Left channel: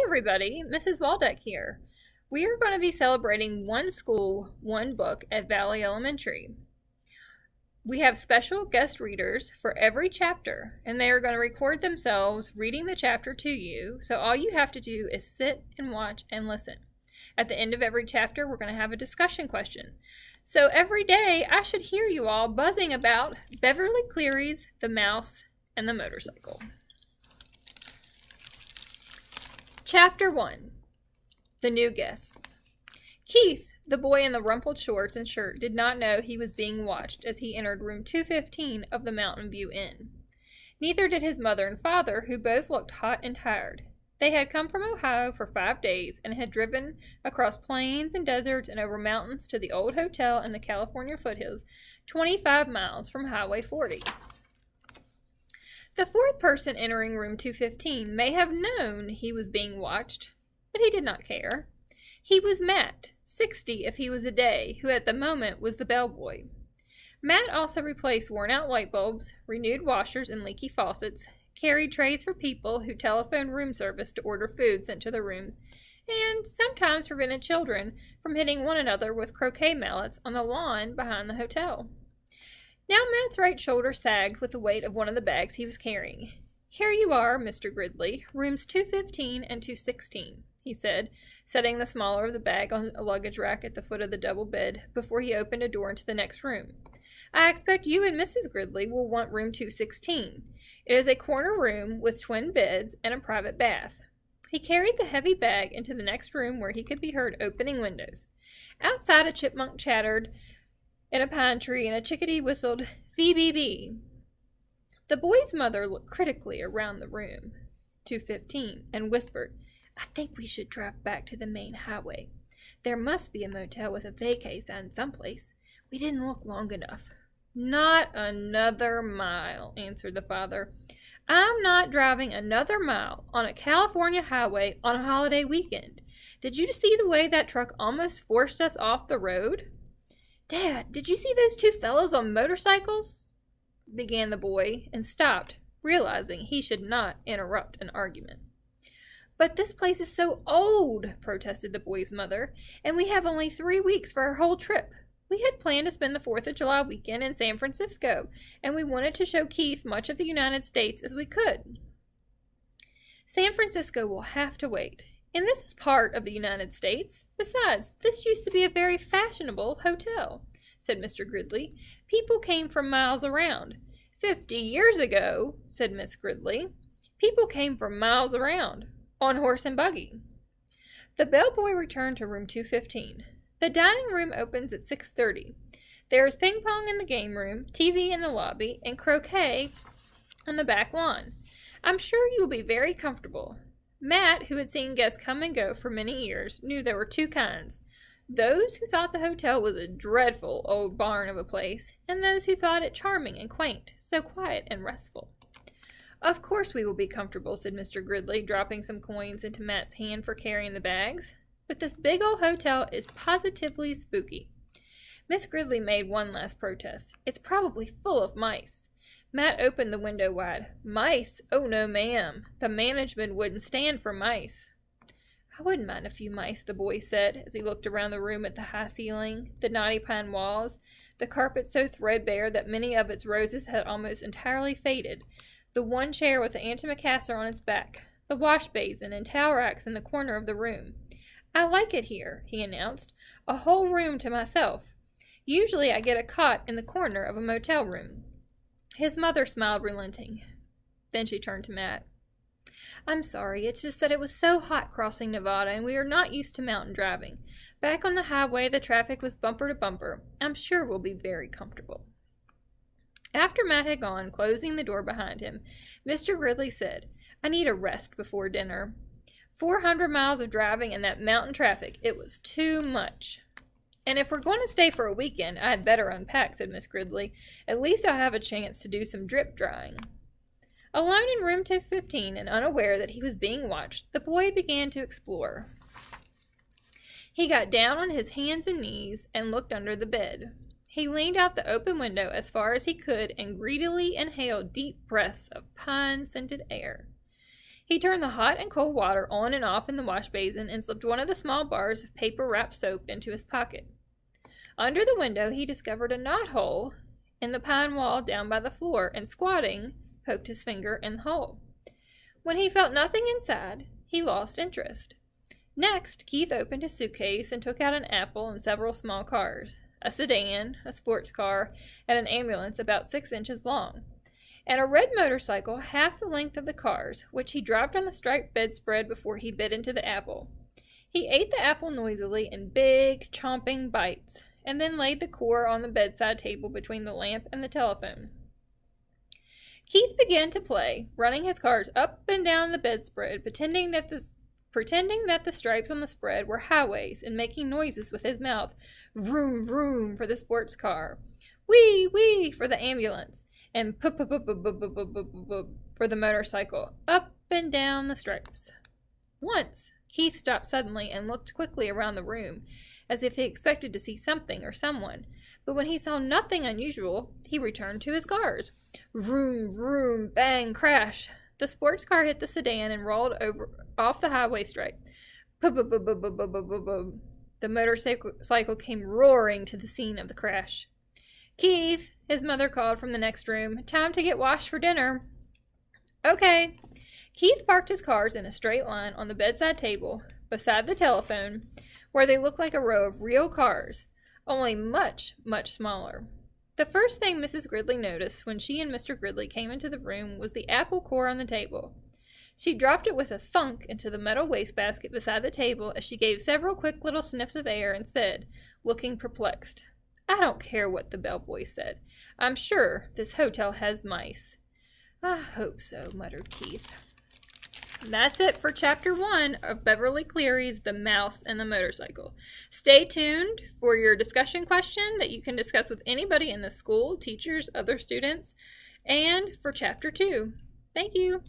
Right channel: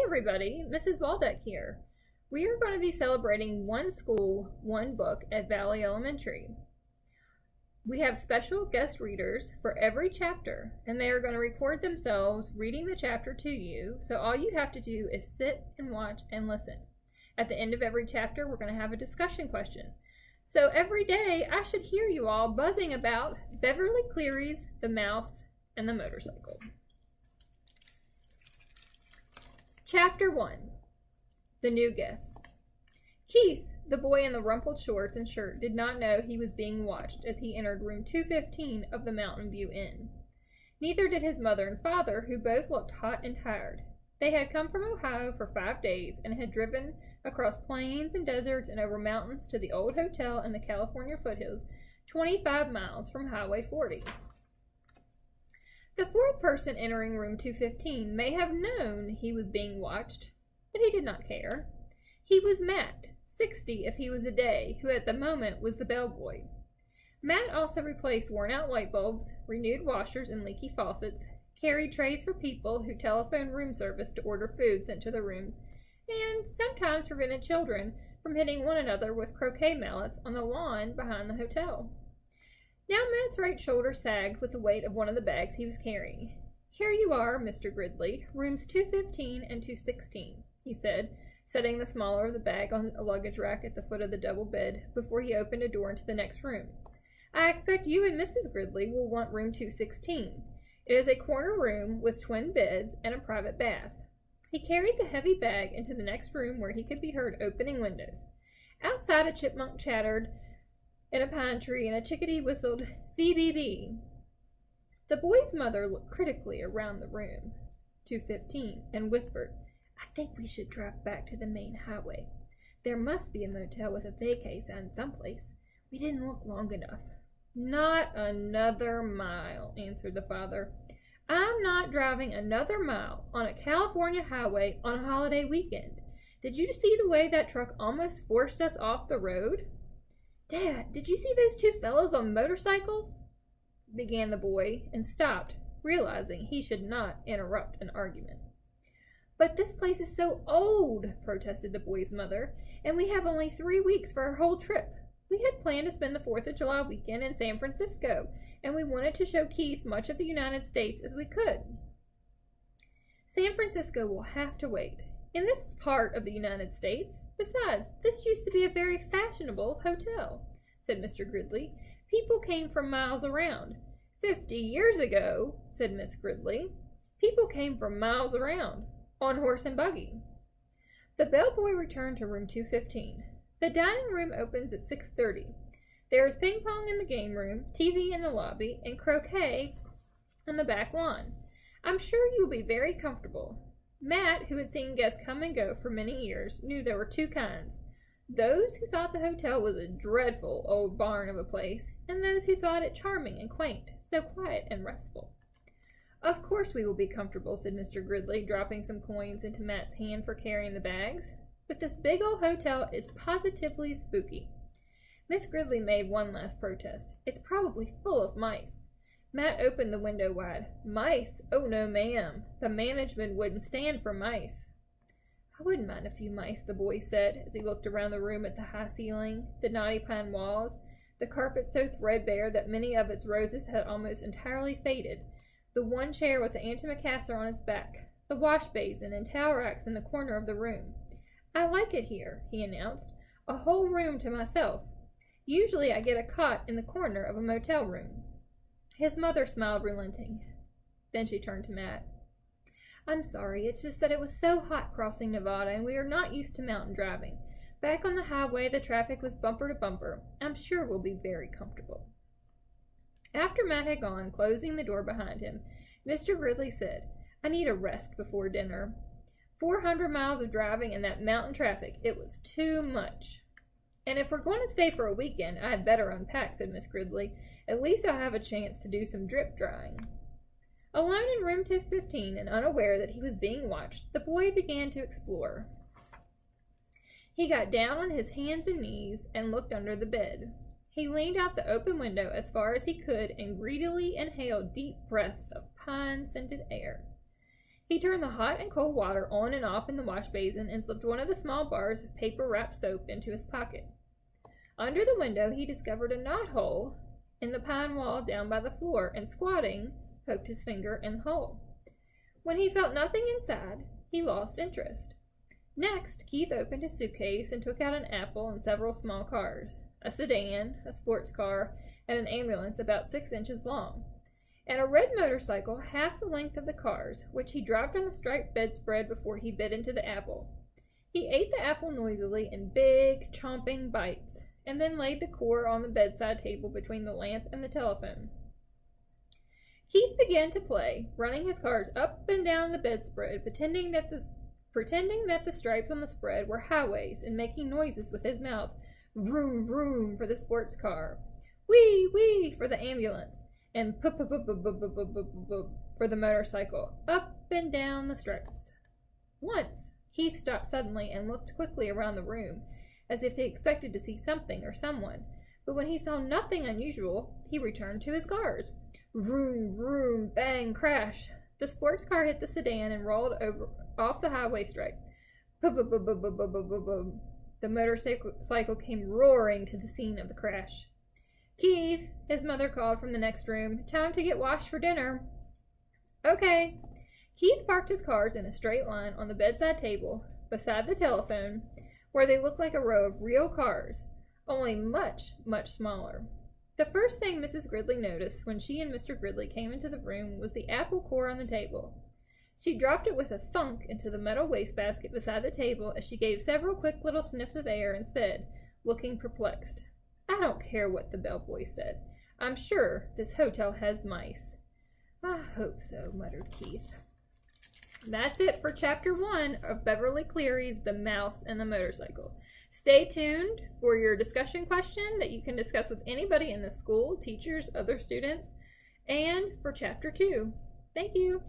Hey everybody, Mrs. Waldeck here. We are going to be celebrating One School, One Book at Valley Elementary. We have special guest readers for every chapter, and they are going to record themselves reading the chapter to you, so all you have to do is sit and watch and listen. At the end of every chapter, we're going to have a discussion question. So every day, I should hear you all buzzing about Beverly Cleary's The Mouse and the Motorcycle. Chapter 1. The New Guests. Keith, the boy in the rumpled shorts and shirt, did not know he was being watched as he entered room 215 of the Mountain View Inn. Neither did his mother and father, who both looked hot and tired. They had come from Ohio for 5 days and had driven across plains and deserts and over mountains to the old hotel in the California foothills, 25 miles from Highway 40. The fourth person entering room 215 may have known he was being watched, but he did not care. He was Matt, 60 if he was a day, who at the moment was the bellboy. Matt also replaced worn-out light bulbs, renewed washers and leaky faucets, carried trays for people who telephoned room service to order food sent to the rooms, and sometimes prevented children from hitting one another with croquet mallets on the lawn behind the hotel. Now Matt's right shoulder sagged with the weight of one of the bags he was carrying. "Here you are, Mr. Gridley, rooms 215 and 216, he said, setting the smaller of the bag on a luggage rack at the foot of the double bed before he opened a door into the next room. "I expect you and Mrs. Gridley will want room 216. It is a corner room with twin beds and a private bath." He carried the heavy bag into the next room where he could be heard opening windows. Outside, a chipmunk chattered in a pine tree, and a chickadee whistled, "Bee-bee-bee." The boy's mother looked critically around the room, 215, and whispered, "I think we should drive back to the main highway. There must be a motel with a vacay sign someplace. We didn't look long enough." "Not another mile," answered the father. "I'm not driving another mile on a California highway on a holiday weekend. Did you see the way that truck almost forced us off the road?" "Dad, did you see those two fellows on motorcycles?" began the boy, and stopped, realizing he should not interrupt an argument. "But this place is so old," protested the boy's mother, "and we have only 3 weeks for our whole trip. We had planned to spend the 4th of July weekend in San Francisco, and we wanted to show Keith much of the United States as we could." "San Francisco will have to wait, and this is part of the United States. Besides, this used to be a very fashionable hotel," said Mr. Gridley. "People came from miles around." 50 years ago," said Miss Gridley, "people came from miles around, on horse and buggy." The bellboy returned to room 215. "The dining room opens at 6:30. There is ping pong in the game room, TV in the lobby, and croquet on the back lawn. I'm sure you will be very comfortable." Matt, who had seen guests come and go for many years, knew there were 2 kinds: those who thought the hotel was a dreadful old barn of a place, and those who thought it charming and quaint, so quiet and restful. "Of course we will be comfortable," said Mr. Gridley, dropping some coins into Matt's hand for carrying the bags. "But this big old hotel is positively spooky." Miss Gridley made one last protest. "It's probably full of mice." Matt opened the window wide. "Mice? Oh, no, ma'am. The management wouldn't stand for mice." "I wouldn't mind a few mice," the boy said, as he looked around the room at the high ceiling, the knotty pine walls, the carpet so threadbare that many of its roses had almost entirely faded, the one chair with the antimacassar on its back, the wash basin and towel racks in the corner of the room. "I like it here," he announced. "A whole room to myself. Usually I get a cot in the corner of a motel room." His mother smiled, relenting. Then she turned to Matt. "I'm sorry, it's just that it was so hot crossing Nevada, and we are not used to mountain driving. Back on the highway, the traffic was bumper to bumper. I'm sure we'll be very comfortable." After Matt had gone, closing the door behind him, Mr. Gridley said, "I need a rest before dinner. 400 miles of driving in that mountain traffic, it was too much." "And if we're going to stay for a weekend, I had better unpack," said Miss Gridley. "At least I'll have a chance to do some drip drying." Alone in room 215 and unaware that he was being watched, the boy began to explore. He got down on his hands and knees and looked under the bed. He leaned out the open window as far as he could and greedily inhaled deep breaths of pine-scented air. He turned the hot and cold water on and off in the wash basin and slipped one of the small bars of paper-wrapped soap into his pocket. Under the window, he discovered a knothole in the pine wall down by the floor, and squatting, poked his finger in the hole. When he felt nothing inside, he lost interest. Next, Keith opened his suitcase and took out an apple and several small cars, a sedan, a sports car, and an ambulance about 6 inches long, and a red motorcycle half the length of the cars, which he dropped on the striped bedspread before he bit into the apple. He ate the apple noisily in big, chomping bites, and then laid the core on the bedside table between the lamp and the telephone. Keith began to play, running his cards up and down the bedspread, pretending that the stripes on the spread were highways, and making noises with his mouth. Vroom, vroom for the sports car, wee, wee for the ambulance, and pup, pup, pup, pup, pup, pup, pup, pup, pup for the motorcycle, up and down the stripes. Once, Keith stopped suddenly and looked quickly around the room, as if he expected to see something or someone, but when he saw nothing unusual, he returned to his cars. Vroom, vroom, bang, crash. The sports car hit the sedan and rolled off the highway stripe. Pub, pub, pub, pub, pub, pub, pub, pub. The motorcycle came roaring to the scene of the crash. Keith, his mother called from the next room. Time to get washed for dinner. Okay. Keith parked his cars in a straight line on the bedside table beside the telephone, where they looked like a row of real cars, only much, much smaller. The first thing Mrs. Gridley noticed when she and Mr. Gridley came into the room was the apple core on the table. She dropped it with a thunk into the metal wastebasket beside the table as she gave several quick little sniffs of air and said, looking perplexed, I don't care what the bellboy said. I'm sure this hotel has mice. I hope so, muttered Keith. That's it for Chapter 1 of Beverly Cleary's The Mouse and the Motorcycle. Stay tuned for your discussion question that you can discuss with anybody in the school, teachers, other students, and for Chapter 2. Thank you.